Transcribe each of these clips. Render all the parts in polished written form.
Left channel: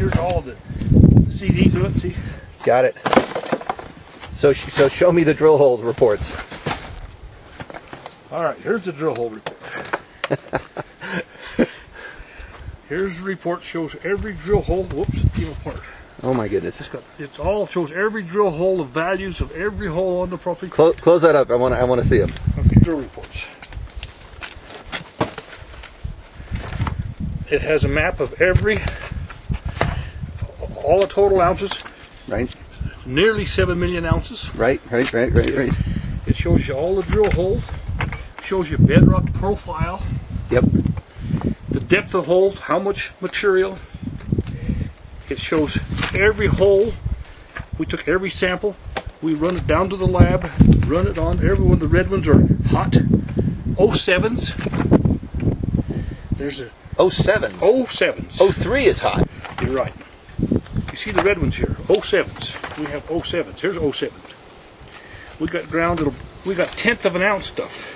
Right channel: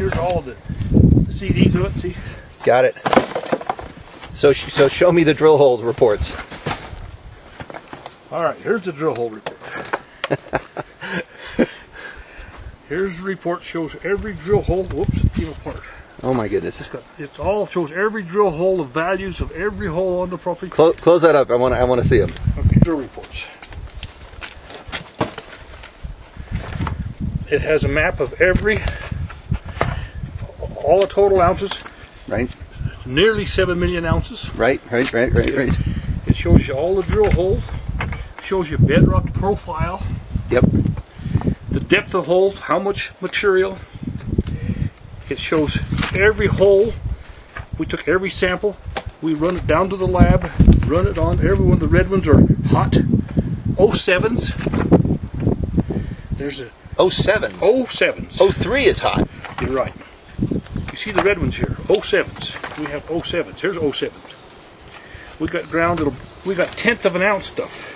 here's all the CDs of it. See? Got it. So show me the drill hole reports. All right, here's the drill hole report. Here's the report, shows every drill hole. Whoops, it came apart. Oh my goodness. It's all shows every drill hole, the values of every hole on the property. Close that up. I want to see them. Okay, drill reports. It has a map of all the total ounces. Right. Nearly 7 million ounces. Right. It shows you all the drill holes. Shows you bedrock profile. Yep. The depth of holes, how much material. It shows every hole. We took every sample. We run it down to the lab. Run it on. Every one of the red ones are hot. 07s. There's a 07s. 07s. 03 is hot. You're right. You see the red ones here. 07s. We have 07s. Here's 07s. We got ground. We got 1/10 of an ounce stuff.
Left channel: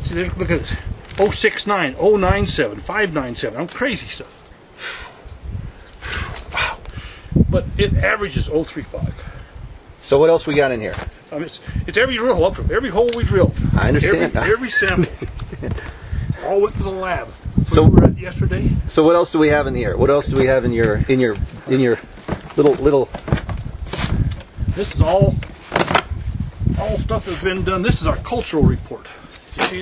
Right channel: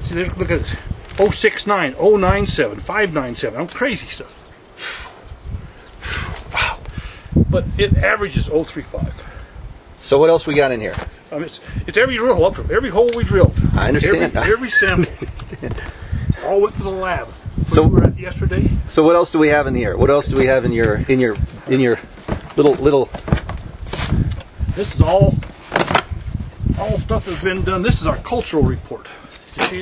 See, look at this. 069, 097, 597. I'm crazy stuff. Wow. But it averages 035. So what else we got in here? It's every drill hole up from every hole we drilled. I understand. Every sample. All went to the lab. So we were at yesterday. So what else do we have in here? What else do we have in your little? This is all stuff that's been done. This is our cultural report.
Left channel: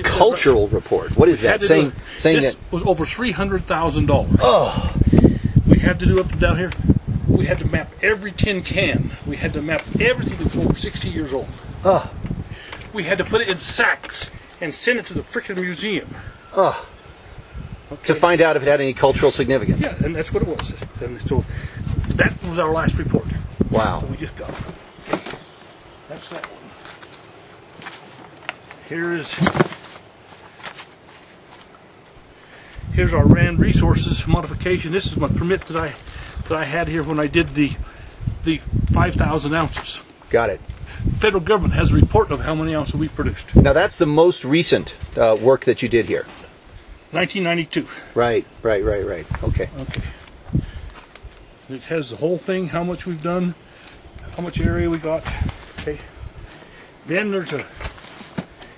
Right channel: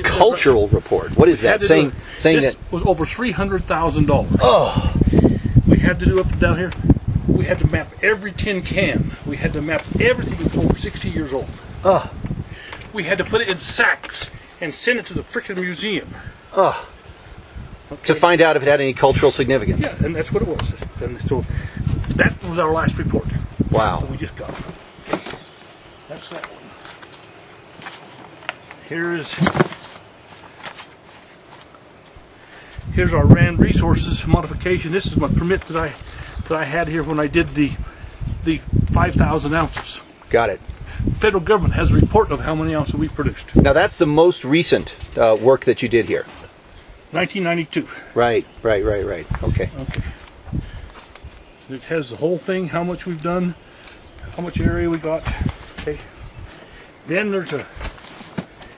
Cultural report. What is that? Saying this that was over $300,000. Oh, we had to do up and down here. We had to map every tin can. We had to map everything that's over 60 years old. Oh, we had to put it in sacks and send it to the frickin' museum. Oh, okay. To find out if it had any cultural significance. Yeah, and that's what it was. And so that was our last report. Wow. That we just got. Okay. That's that one. Here's our Rand Resources modification. This is my permit that I had here when I did the 5,000 ounces. Got it. Federal government has a report of how many ounces we produced. Now that's the most recent work that you did here. 1992. Right. Okay. It has the whole thing, how much we've done, how much area we got. Okay. Then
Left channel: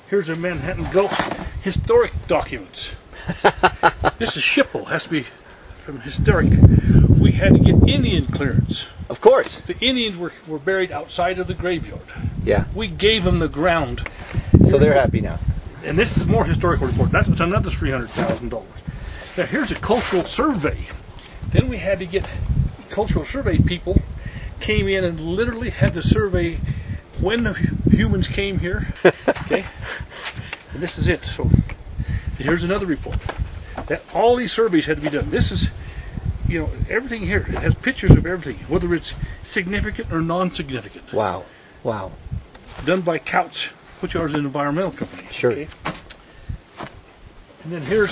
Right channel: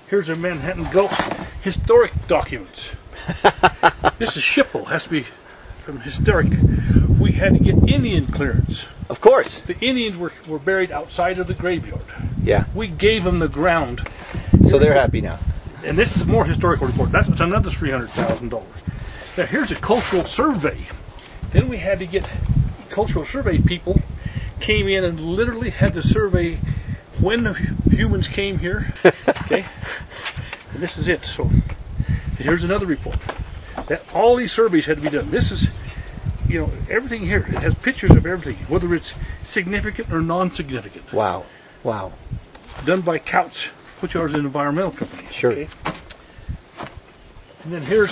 here's a Manhattan Gulf historic documents. This is SHPO, has to be from historic. We had to get Indian clearance. Of course. The Indians were buried outside of the graveyard. Yeah. We gave them the ground. So they're happy now. And this is more historical report. That's another $300,000. Now here's a cultural survey. Then we had to get cultural survey people came in and literally had to survey when the humans came here. Okay. And this is it. So here's another report. That all these surveys had to be done. This is, everything here. It has pictures of everything, whether it's significant or non-significant. Wow. Done by Couts, which is an environmental company. Sure. Okay? And then here's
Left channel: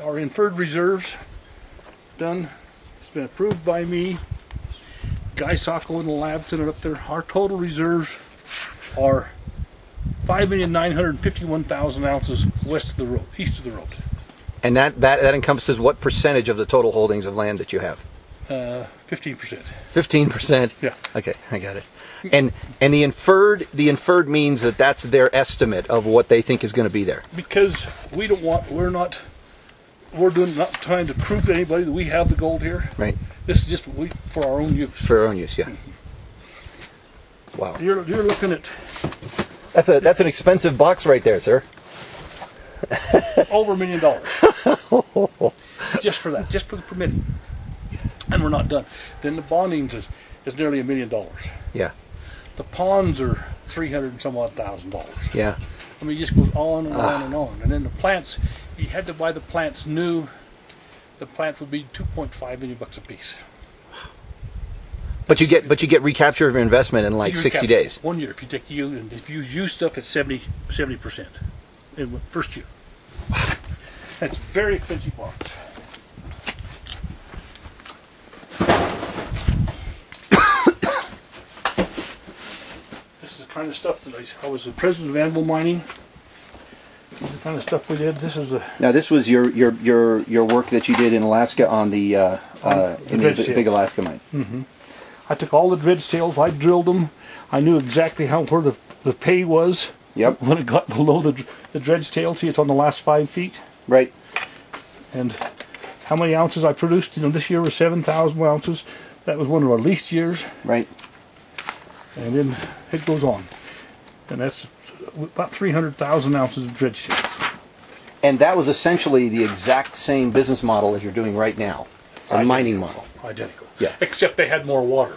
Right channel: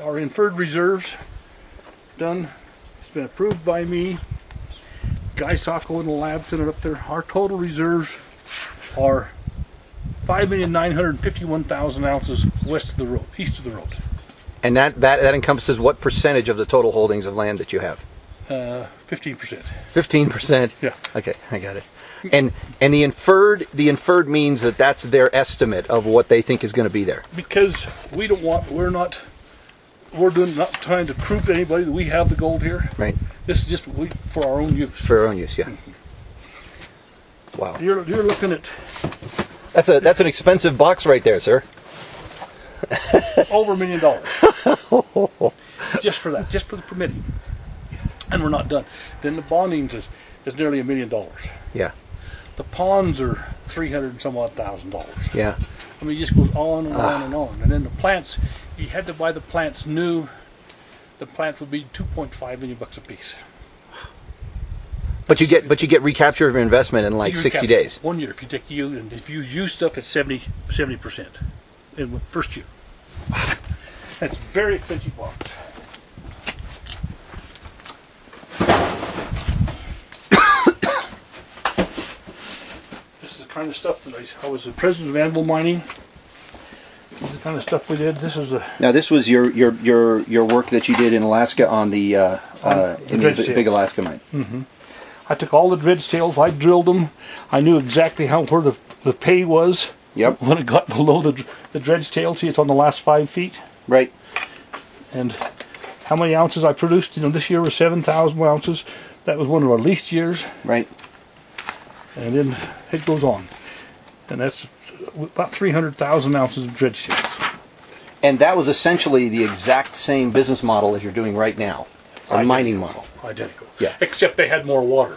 our inferred reserves done. It's been approved by me. Guy Sacco in the lab sent it up there. Our total reserves are 5,951,000 ounces west of the road, east of the road. And that encompasses what percentage of the total holdings of land that you have? 15%. 15%. Yeah. Okay, I got it. And the inferred means that's their estimate of what they think is going to be there. Because we're not trying to prove to anybody that we have the gold here. Right. This is just for our own use. For our own use, yeah. Mm-hmm. Wow. You're looking at. That's an expensive box right there, sir. Over $1 million. Just for that, just for the permitting. And we're not done. Then the bondings is nearly $1 million. Yeah. The ponds are $300 and some odd thousand. Yeah. I mean, it just goes on and on and on. And then the plants, you had to buy the plants new. The plants would be $2.5 million a piece. But you get recapture of your investment in like 60 days. 1 year. If you use stuff, it's 70% in the first year. That's a very expensive box. This is the kind of stuff that I was the president of Anvil Mining. This is the kind of stuff we did. This is a Now this was your work that you did in Alaska on the big Alaska mine. Mm-hmm. I took all the dredge tails. I drilled them. I knew exactly where the pay was. Yep. When it got below the dredge tail, see, it's on the last 5 feet. Right. And how many ounces I produced? You know, this year was 7,000 ounces. That was one of our least years. Right. And then it goes on. And that's about 300,000 ounces of dredge tails. And that was essentially the exact same business model as you're doing right now. A mining model. Identical. Yeah. Except they had more water.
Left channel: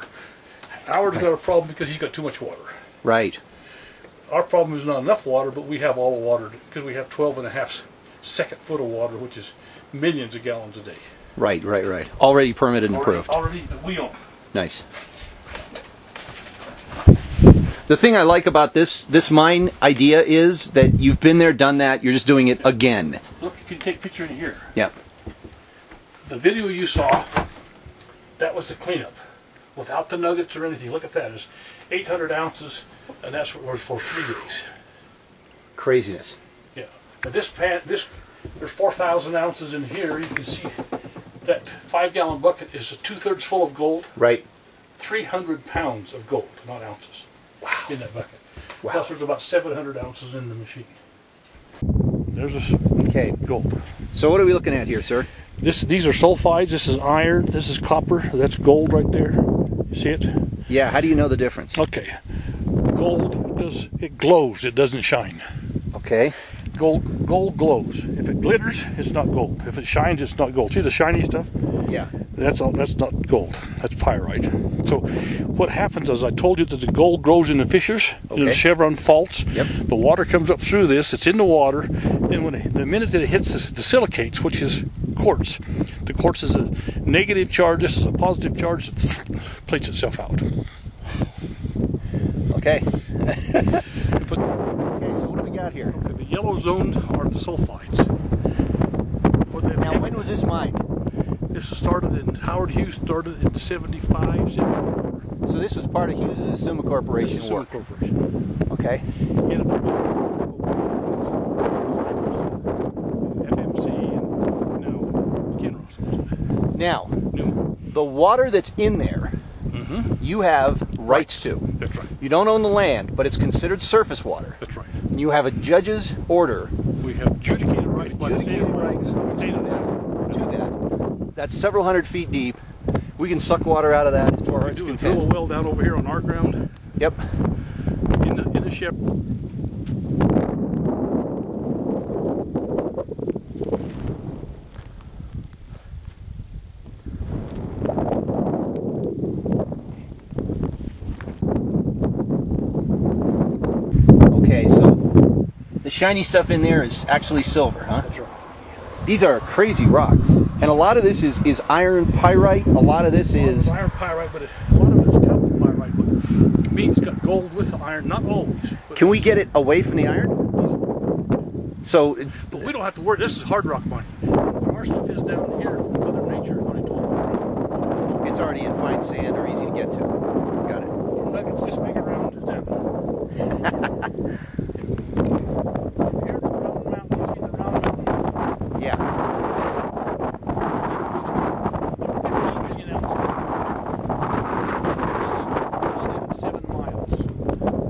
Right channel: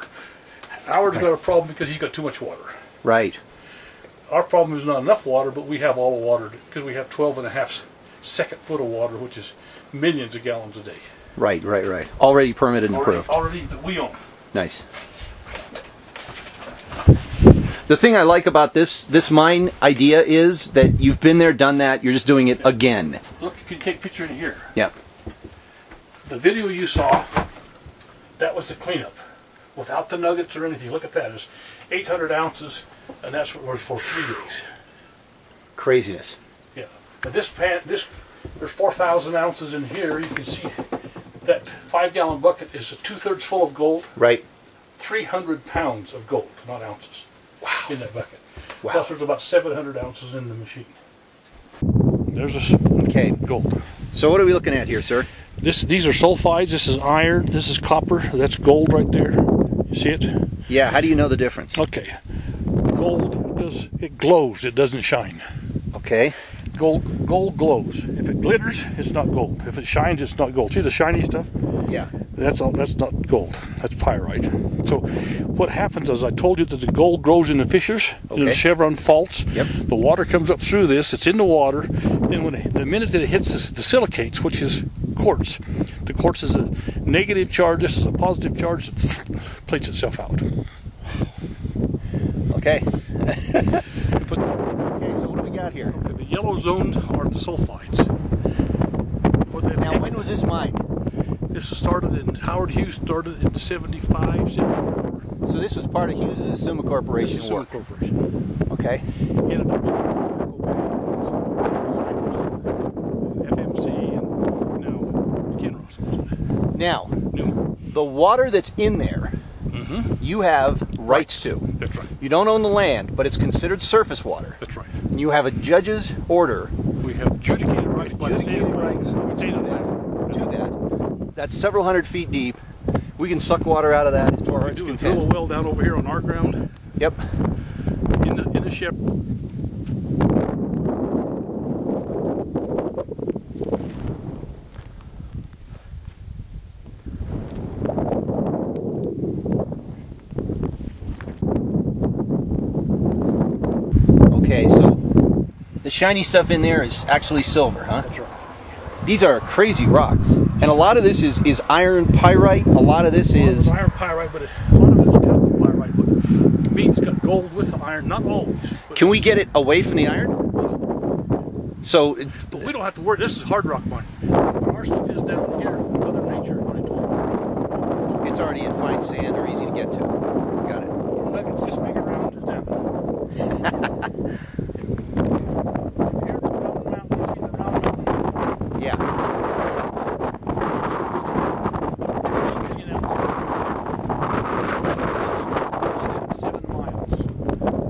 Howard's got a problem because he's got too much water. Right. Our problem is not enough water, but we have all the water because we have 12.5 second foot of water, which is millions of gallons a day. Right. Already permitted and approved. Already that we own. Nice. The thing I like about this mine idea is that you've been there, done that. You're just doing it again. Look, you can take a picture in here. Yeah. The video you saw, that was the cleanup, without the nuggets or anything. Look at that. It's 800 ounces, and that's what we're for 3 days. Craziness. Yeah. And there's 4,000 ounces in here. You can see that 5-gallon bucket is 2/3 full of gold. Right. 300 pounds of gold, not ounces. Wow. In that bucket. Wow. Plus there's about 700 ounces in the machine. There's this gold. So what are we looking at here, sir? These are sulfides. This is iron. This is copper. That's gold right there. You see it? Yeah. How do you know the difference? Okay. Gold it glows. It doesn't shine. Okay. Gold glows. If it glitters, it's not gold. If it shines, it's not gold. See the shiny stuff? Yeah. That's not gold. That's pyrite. So what happens is, I told you that the gold grows in the fissures, in the chevron faults. Yep. The water comes up through this. It's in the water. Then the minute that it hits the silicates, which is quartz, the quartz is a negative charge. This is a positive charge. It plates itself out. Okay. Okay. So what do we got here? Okay, the yellow zone are the sulfides. Now, when was this mined? This was started in, Howard Hughes started in 75, 74. So this was part of Hughes' Summa Corporation work. Summa Corporation. Okay. Ended up being FMC and now Kinross. Now, New. the water that's in there, you have rights to. That's right. You don't own the land, but it's considered surface water. That's right. And you have a judge's order. We have adjudicated rights by the state Adjudicated rights to that. That's several hundred feet deep. We can suck water out of that to our heart's Do a content. drill well down over here on our ground. Yep. In the ship. Okay, so the shiny stuff in there is actually silver, huh? That's right. These are crazy rocks. And a lot of this is iron pyrite. A lot of this is iron pyrite, but a lot of it is copper pyrite. What means it's got gold with the iron, not always. Can we get it away from the iron? So, but we don't have to worry. This is hard rock mining. When our stuff is down here, Mother Nature is what I told you. it's already in fine sand or easy to get to. Got it. From nuggets this big around is down. Here, the Round Mountain, you see the Round Mountain? Yeah. 15 million ounces. 7 miles.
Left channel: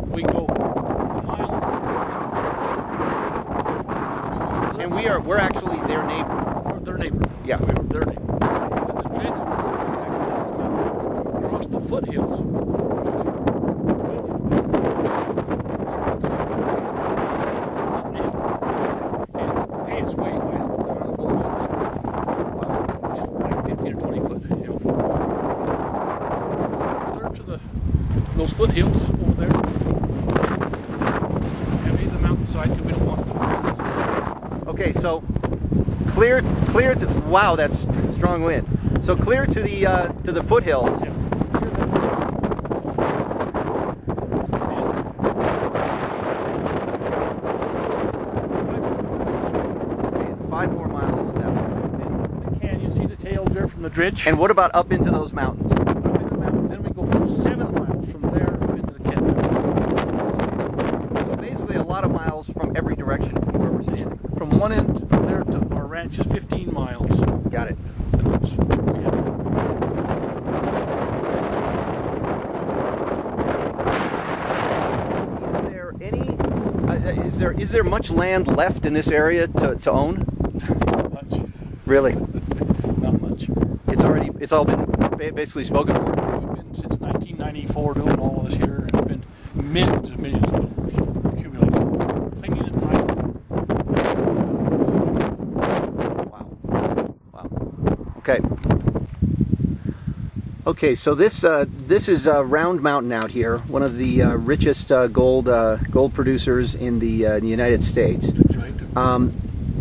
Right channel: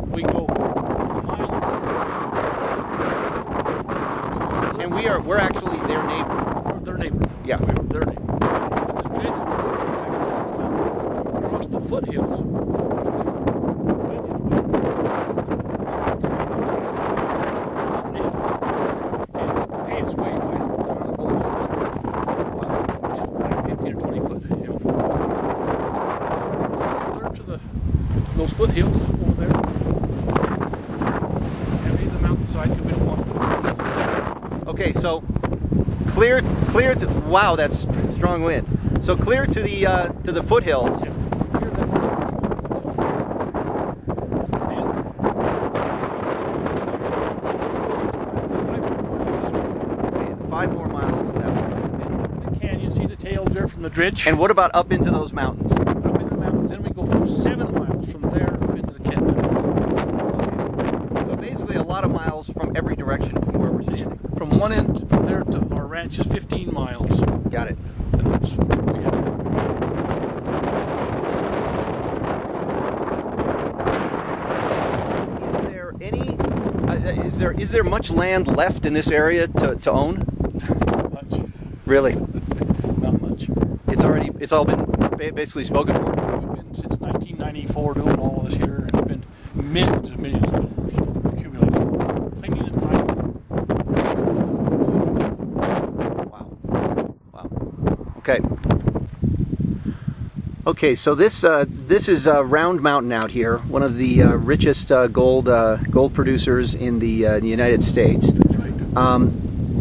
We go a mile. And we're actually their neighbor. We're their neighbor. Yeah. We're their neighbor. And the dredge across the foothills. And pay its way by the amount of gold in this. Wow. It's like 15 or 20 foot. You know. Clear to those foothills over there. And leave the mountainside because we don't want them. Okay, so clear to, wow, that's strong wind. So clear to the foothills. Yeah. And 5 more miles that way. And up in the canyon, see the tails there from the dredge? And what about up into those mountains? Up in the mountains, then we go for 7 miles from there up into the canyon. So basically a lot of miles from every direction from where we're standing. one end from there to our ranch is 15 miles. Got it. And that's where we have Is there any? Is there much land left in this area to own? not much. Really? Not much. It's all been basically spoken for. We've been since 1994 doing all this here. It's been millions and millions of dollars accumulated. Cleaning and tiling. Wow. Wow. Okay. Okay, so this is Round Mountain out here, one of the richest gold producers in the United States. That's right.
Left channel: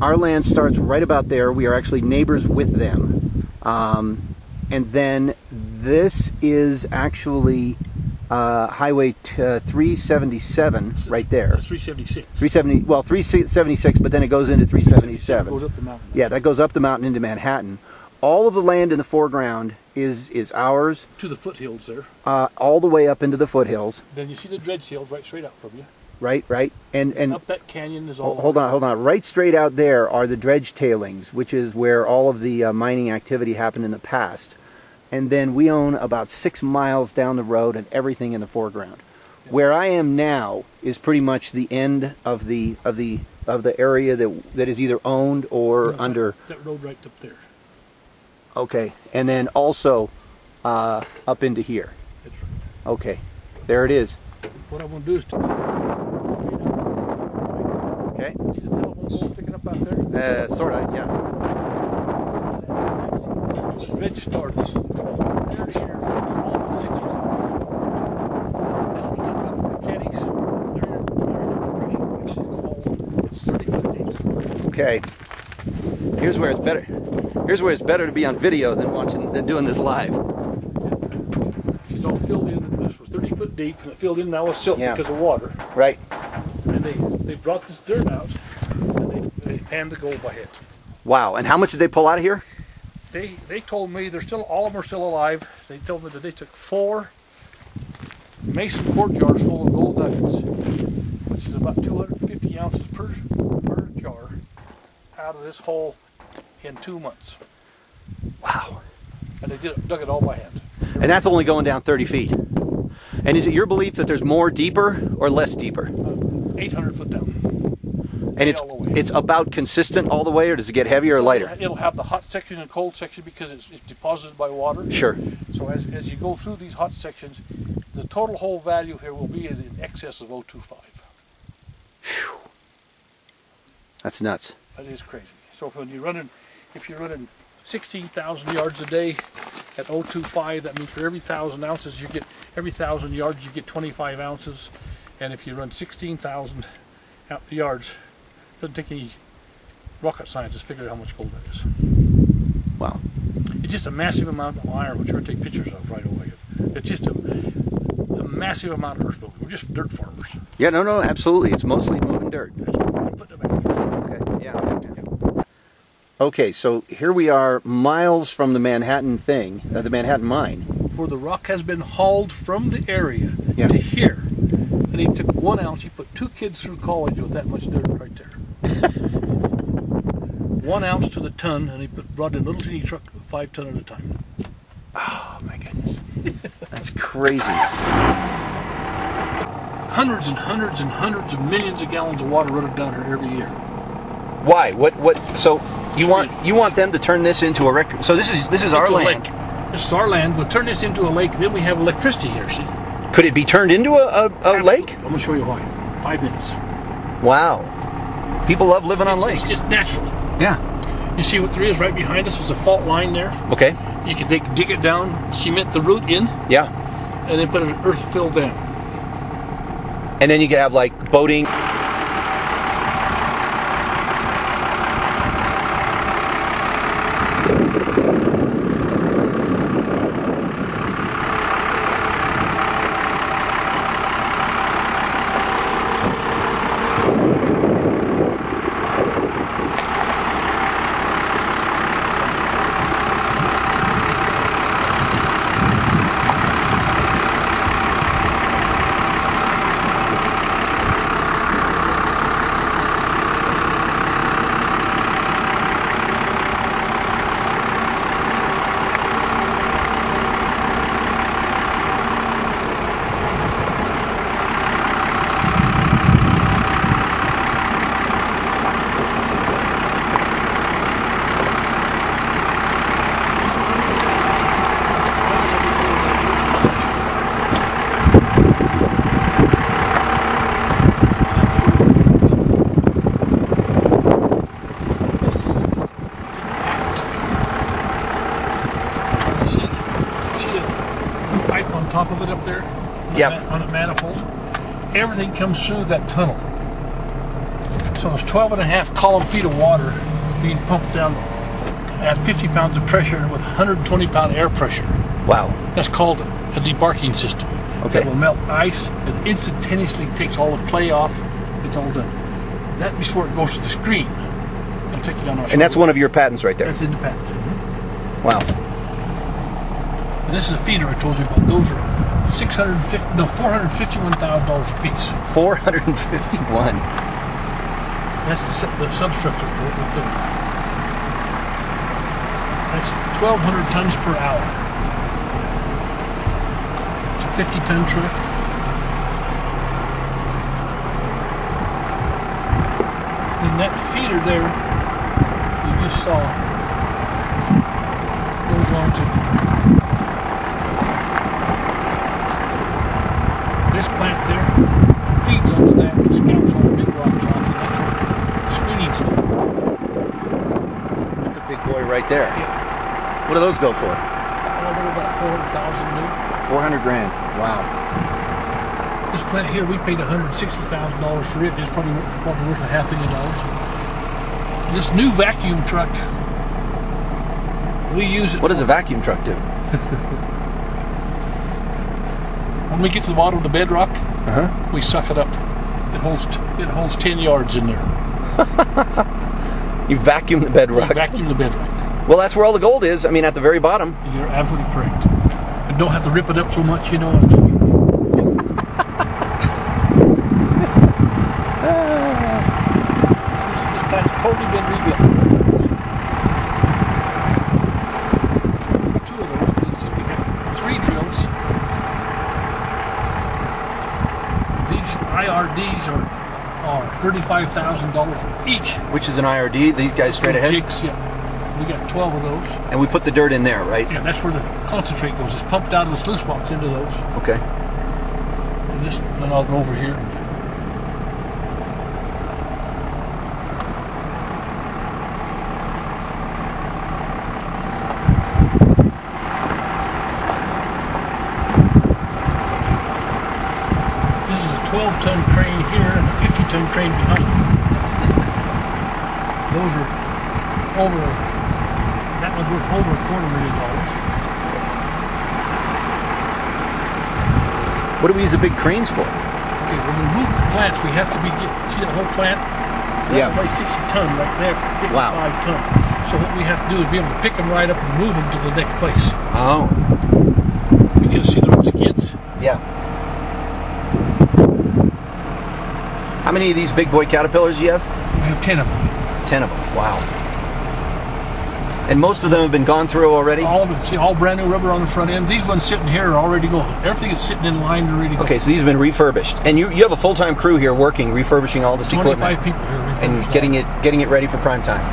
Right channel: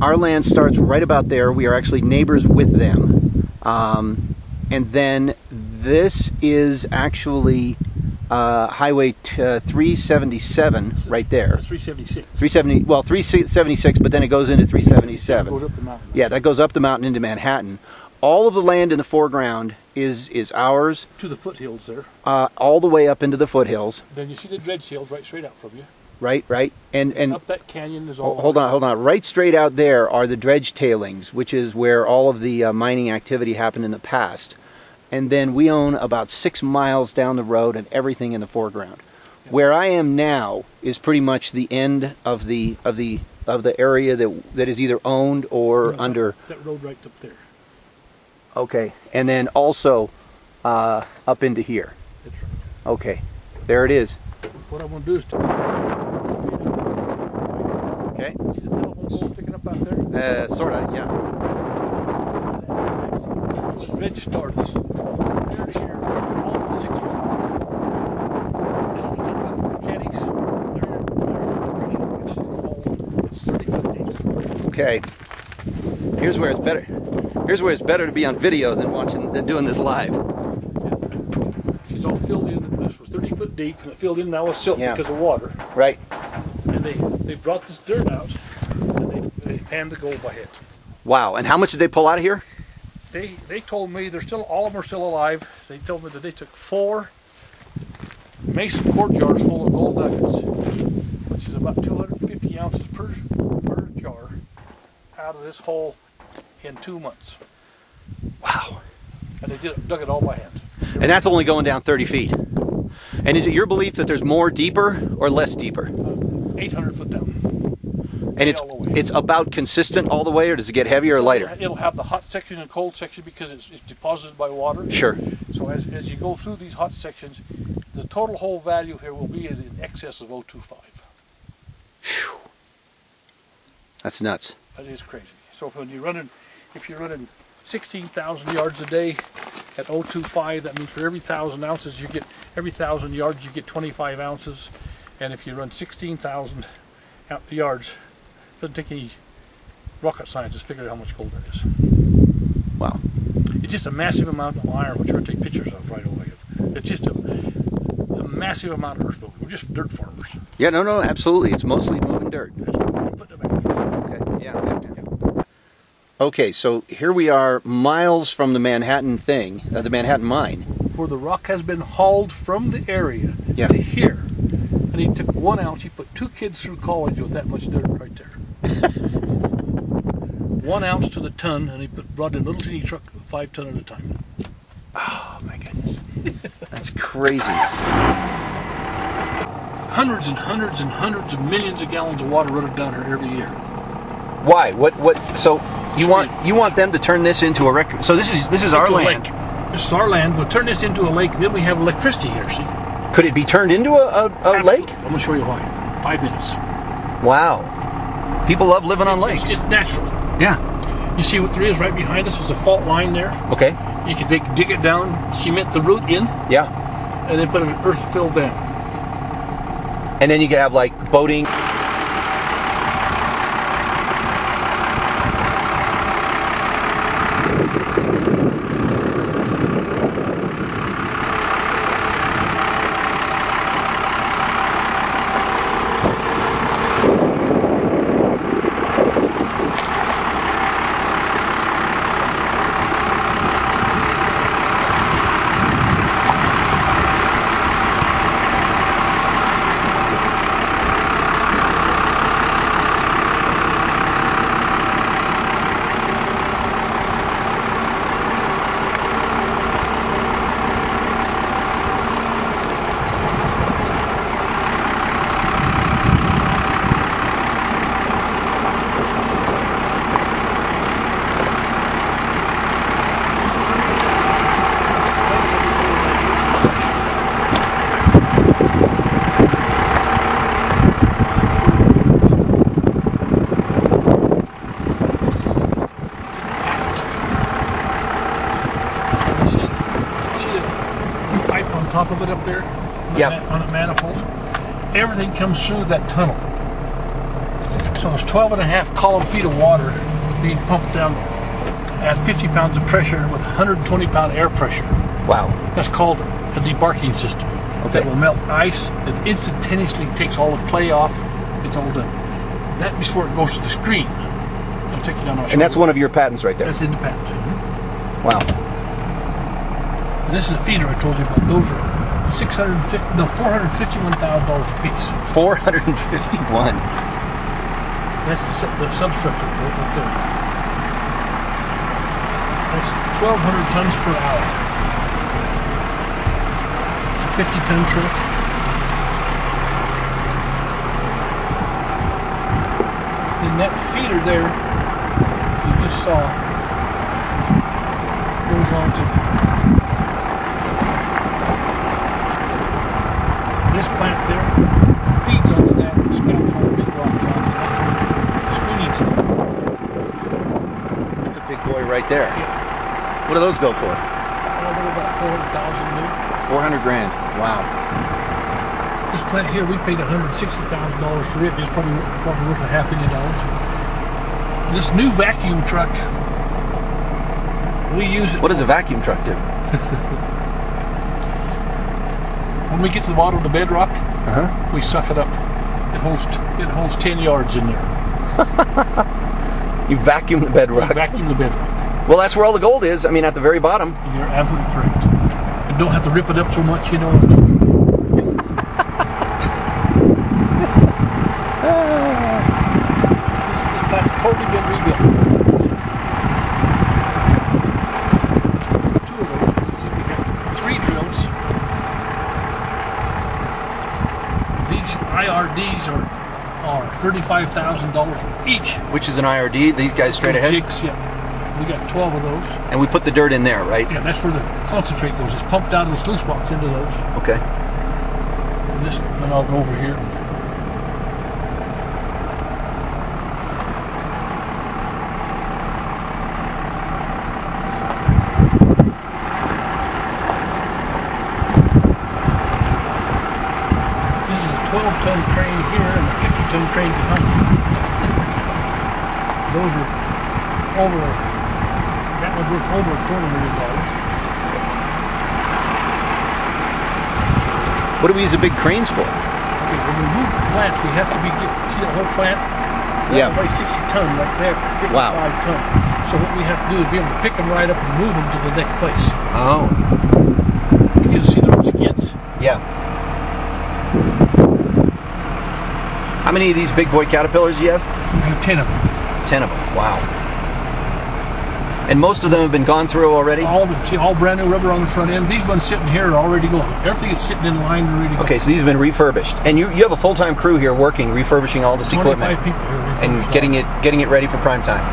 Our land starts right about there. We are actually neighbors with them. And then this is actually Highway 377 right there. That's 376. 370, well, 376, but then it goes into 377. It goes up the mountain. Yeah, that goes up the mountain into Manhattan. All of the land in the foreground is ours. To the foothills there. All the way up into the foothills. Then you see the dredge hills right straight out from you. Right. And Up that canyon is all. hold on. Right straight out there are the dredge tailings, which is where all of the mining activity happened in the past. And then we own about 6 miles down the road and everything in the foreground. Yeah. Where I am now is pretty much the end of the area that is either owned or under. That road right up there. Okay, and then also up into here. That's right. Okay, there it is. What I'm going to do is Okay. See the telephone pole sticking up out there? Sort of, yeah. The dredge starts there to here, all but 6 miles. This was done by the mechanics. They're in the depression. It's 30-foot deep. Okay. Here's where it's better. Here's where it's better to be on video than doing this live. She's all filled in. This was 30 foot deep, and it filled in now with silt because of water. Right. And they brought this dirt out, and they panned the gold by hand. Wow. And how much did they pull out of here? They told me all of them are still alive. They told me that they took 4 mason quart jars full of gold nuggets, which is about 250 ounces per jar, out of this hole in 2 months. Wow. And they dug it all by hand. And that's only going down 30 feet. And is it your belief that there's more deeper or less deeper? 800 foot down. And it's about consistent all the way, or does it get heavier or lighter? It'll have the hot section and cold section because it's deposited by water. Sure. So as you go through these hot sections, the total hole value here will be in excess of 0.25. Whew. That's nuts. That is crazy. So if you're running 16,000 yards a day at 0.25, that means for every 1,000 ounces every 1,000 yards you get 25 ounces. And if you run 16,000 yards, it doesn't take any rocket science to figure out how much gold that is. Wow. It's just a massive amount of iron, which we're going to take pictures of right away. It's just a massive amount of earth moving. We're just dirt farmers. Yeah, no, absolutely. It's mostly moving dirt. Okay, yeah. Okay, so here we are miles from the Manhattan thing, the Manhattan mine. Where the rock has been hauled from the area to here. And he took 1 ounce, he put 2 kids through college with that much dirt right there. 1 ounce to the ton, and he brought in a little teeny truck, 5 ton at a time. Oh my goodness. That's crazy. Hundreds and hundreds and hundreds of millions of gallons of water running down here every year. Why? What? So you want them to turn this into a rec? So this is our land. Lake. This is our land. We'll turn this into a lake. Then we have electricity here. See? Could it be turned into a lake? I'm going to show you why. 5 minutes. Wow. People love living on lakes. It's natural. Yeah. You see what there is right behind us? There's a fault line there. Okay. You can dig it down, cement the root in. Yeah. And then put an earth-filled dam. And then you can have like boating. on a manifold. Everything comes through that tunnel. So there's 12.5 column feet of water being pumped down at 50 pounds of pressure with 120 pound air pressure. Wow. That's called a debarking system. Okay. That will melt ice and instantaneously takes all the clay off. It's all done. That before it goes to the screen. I'll take you down. And that's one of your patents right there. That's in the patent. Wow. And this is a feeder I told you about. Those are $451,000 a piece. 451. That's the substructure for it right there. That's 1,200 tons per hour. It's a 50-ton truck. And that feeder there, you just saw, goes on to this plant there, feeds onto that, and scalps all the big rocks off, and that's where the screening's done. That's a big boy right there. Yeah. What do those go for? Well, they're about 400,000 new. 400 grand. Wow. This plant here, we paid $160,000 for it. It's probably worth $500 million. This new vacuum truck, we use it. What does a vacuum truck do? When we get to the bottom of the bedrock, we suck it up. It holds 10 yards in there. You vacuum the bedrock. We vacuum the bedrock. Well, that's where all the gold is. I mean, at the very bottom. You're absolutely correct. And don't have to rip it up so much, you know. This plant's totally been rebuilt. Two of those. We got 3 drills. These IRDs are $35,000 each. Which is an IRD? These guys straight ahead? Jigs, yeah. We got 12 of those. And we put the dirt in there, right? Yeah, that's where the concentrate goes. It's pumped out of the sluice box into those. Okay. And this, then I'll go over here. This is a 12-ton crane here and a 50-ton crane behind me. Those are over, that one's worth over $250,000. What do we use the big cranes for? Okay, when we move the plants, we have to see the whole plant? Yeah. About 60 ton right there, 55 Wow. ton. So what we have to do is be able to pick them right up and move them to the next place. Oh. You can see they're on skids. Yeah. How many of these big boy caterpillars do you have? We have 10 of them. 10 of them. Wow. And most of them have been gone through already? All of it. See, all brand new rubber on the front end. These ones sitting here are already going. Everything is sitting in line and ready to go. Okay, so these have been refurbished. And you have a full-time crew here working, refurbishing all this 25 equipment. people here. And getting it ready for prime time.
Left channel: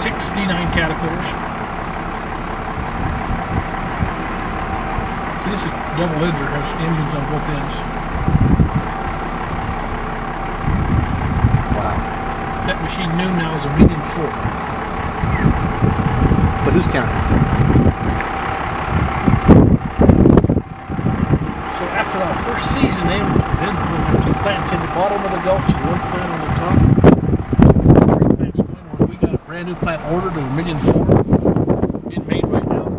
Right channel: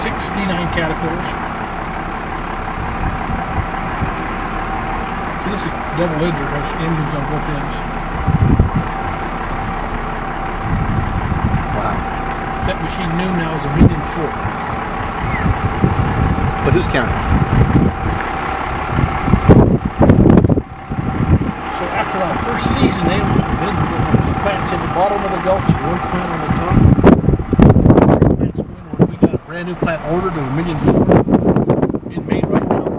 69 caterpillars. This is double ender, has engines on both ends. Wow. That machine new now is $1.4 million. But who's counting? So after our first season, then the 2 plants in the bottom of the Gulf, 1 plant on the top, 3 plants going. We got a brand new plant ordered of $1.4 million, being made right now in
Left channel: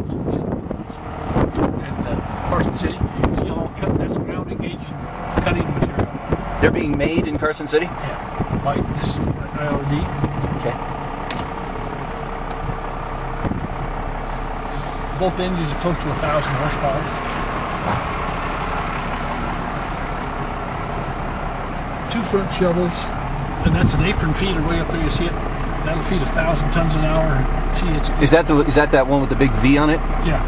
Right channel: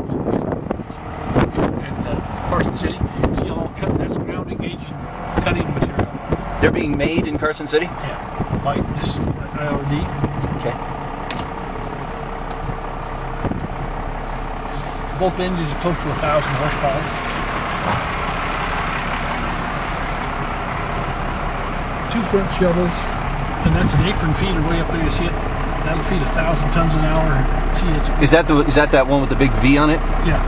Carson City. See all cut. That's ground engaging cutting material. They're being made in Carson City? Yeah, by this IRD. Okay. Both engines are close to 1,000 horsepower. Wow. 2 front shovels, and that's an apron feeder way up there. You see it? That'll feed 1,000 tons an hour. See, Is that that one with the big V on it? Yeah.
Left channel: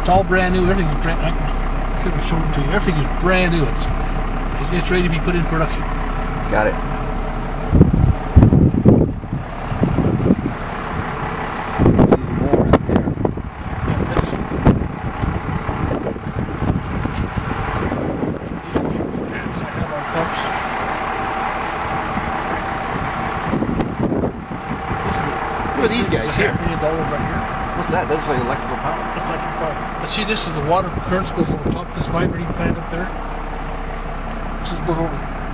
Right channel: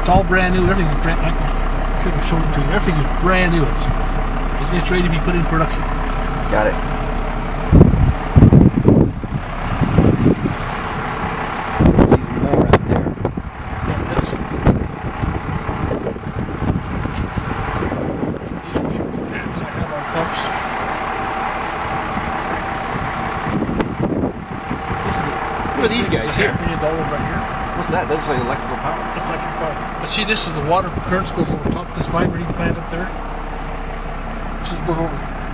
It's all brand new. Everything is brand. I should have shown it to you. Everything is brand new. It's ready to be put in production. Got it. Even more out there. Yeah, that's. These are pants I have on pumps. Who are these guys here? $500 million right here. What's that? That's like electrical power. It's electrical power. But see, this is the water currents goes over top of this vibrating plant up there.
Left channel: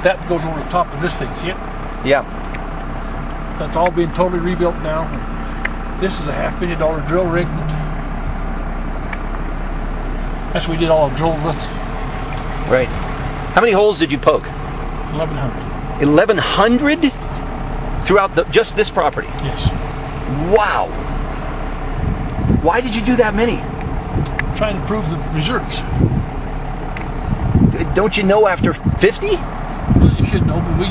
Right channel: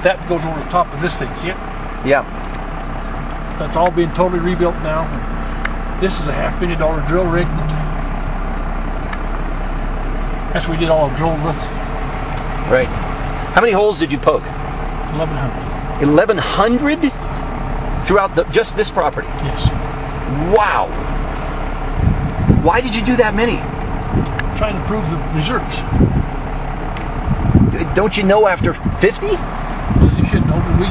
That goes over the top of this thing. See it? Yeah. That's all being totally rebuilt now. This is a $500 million drill rig. That's what we did all the drills with. Right. How many holes did you poke? 1,100. 1,100 throughout just this property? Yes. Wow. Why did you do that many? Trying to prove the reserves. Don't you know after 50? Well, you should know, but we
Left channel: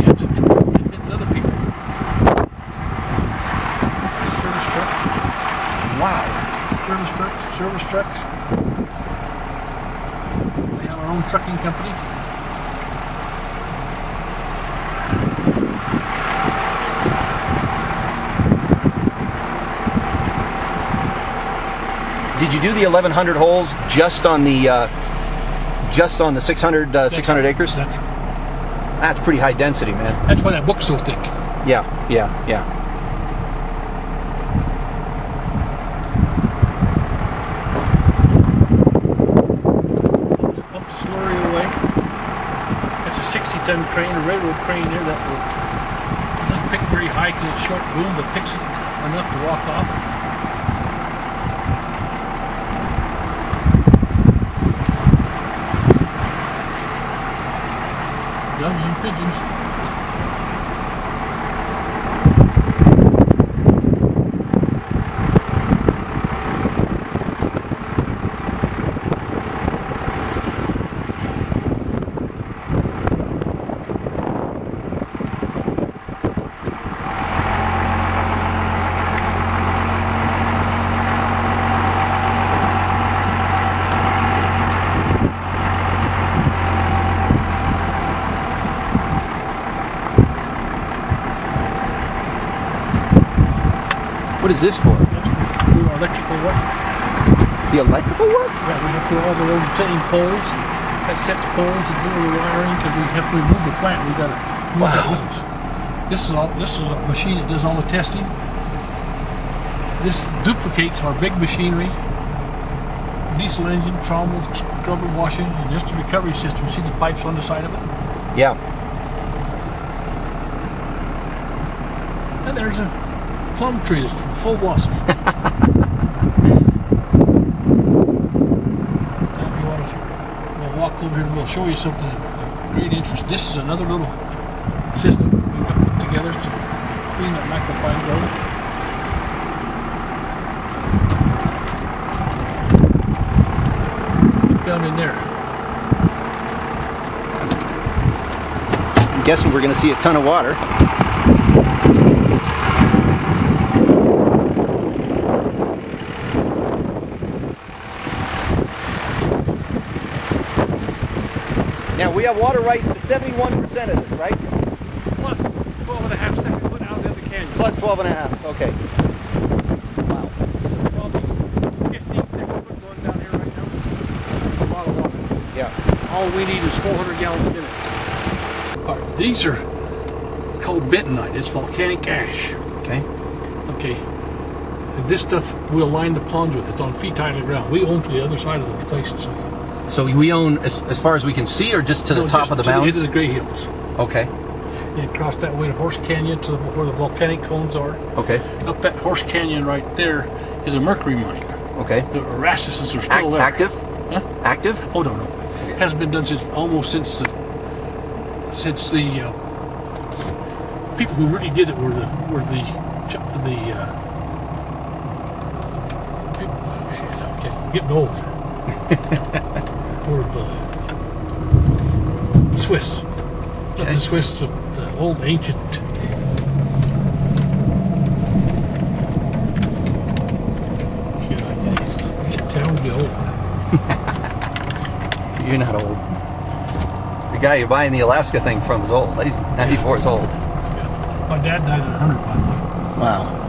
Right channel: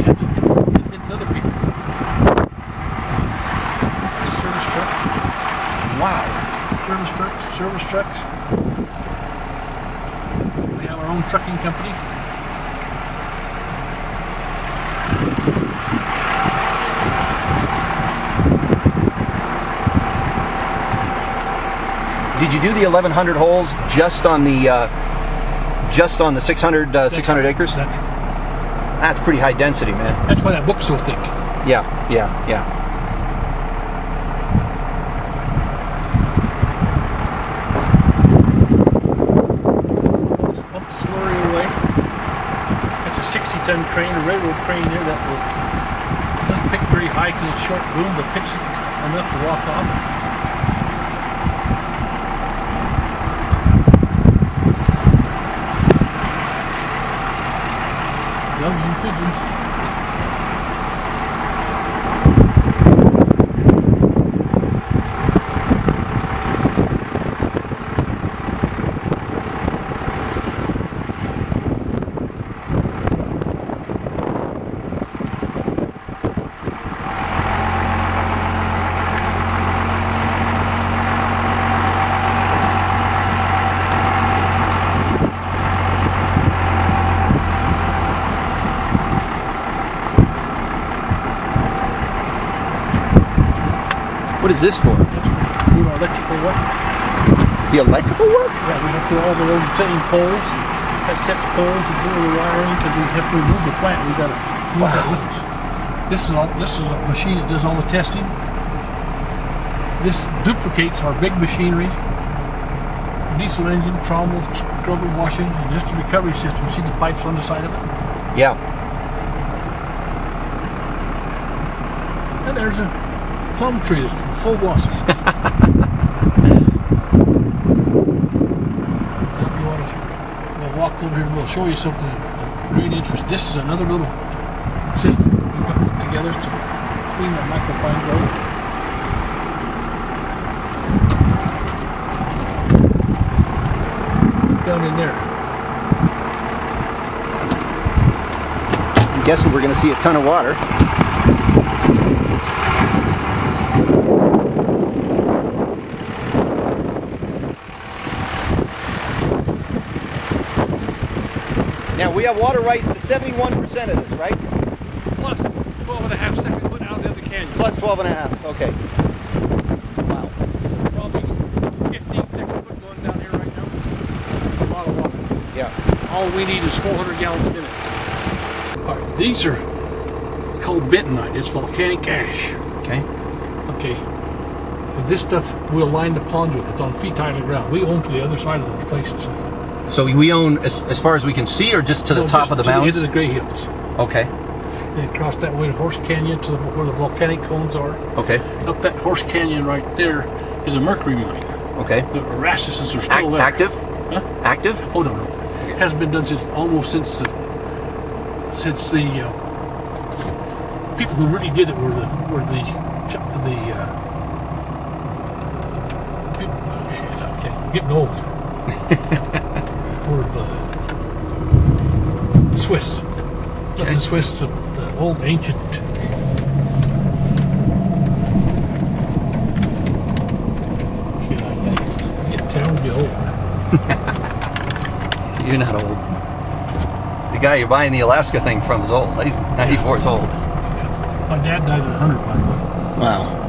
have to convince other people. Service truck. Wow. Service trucks. We have our own trucking company. Did you do the 1,100 holes just on the 600 acres? That's pretty high density, man. That's why that book's so thick. Yeah. Pump the slurry away. That's a 60-ton crane, a railroad crane there that doesn't pick very high because it's short boom, but picks it enough to walk off. Doves and pigeons. What is this for? Do our electrical work. The electrical work? Yeah, we have to do all the old setting poles, that sets poles and do the wiring because we have to remove the plant. We got to move that with us. This is a machine that does all the testing. This duplicates our big machinery, diesel engine, trommel, scrubber, washing, and just the recovery system. See the pipes on the side of it? Yeah. And there's a plum tree that's full blossom. Now if you want to, we'll walk over here and we'll show you something of great interest. This is another little system we got put together to clean that microfine road. Look down in there. I'm guessing we're going to see a ton of water. Now we have water rights to 71% of this, right? Plus 12.5 steps we put out in the canyon. Plus 12.5, okay. Wow. Probably 15 steps we put going down here right now. That's a lot of water. Yeah. All we need is 400 gallons a minute. All right, these are called bentonite. It's volcanic ash. Okay. Okay. And this stuff we'll line the ponds with. It's on feet high to the ground. We own to the other side of those places. So we own as far as we can see, or just to the top of the mountains? To the Gray Hills. Okay. And across that way to Horse Canyon to where the volcanic cones are. Okay. Up that Horse Canyon right there is a mercury mine. Okay. The Erastuses are still there. Active? Huh? Active? Oh no. It hasn't been done since the people who really did it were the people, okay, I'm getting old. Or the Swiss. Not the Swiss, the old ancient. Get down to be old. You're not old. The guy you're buying the Alaska thing from is old. He's 94 years old. My dad died at 100, by the way. Wow.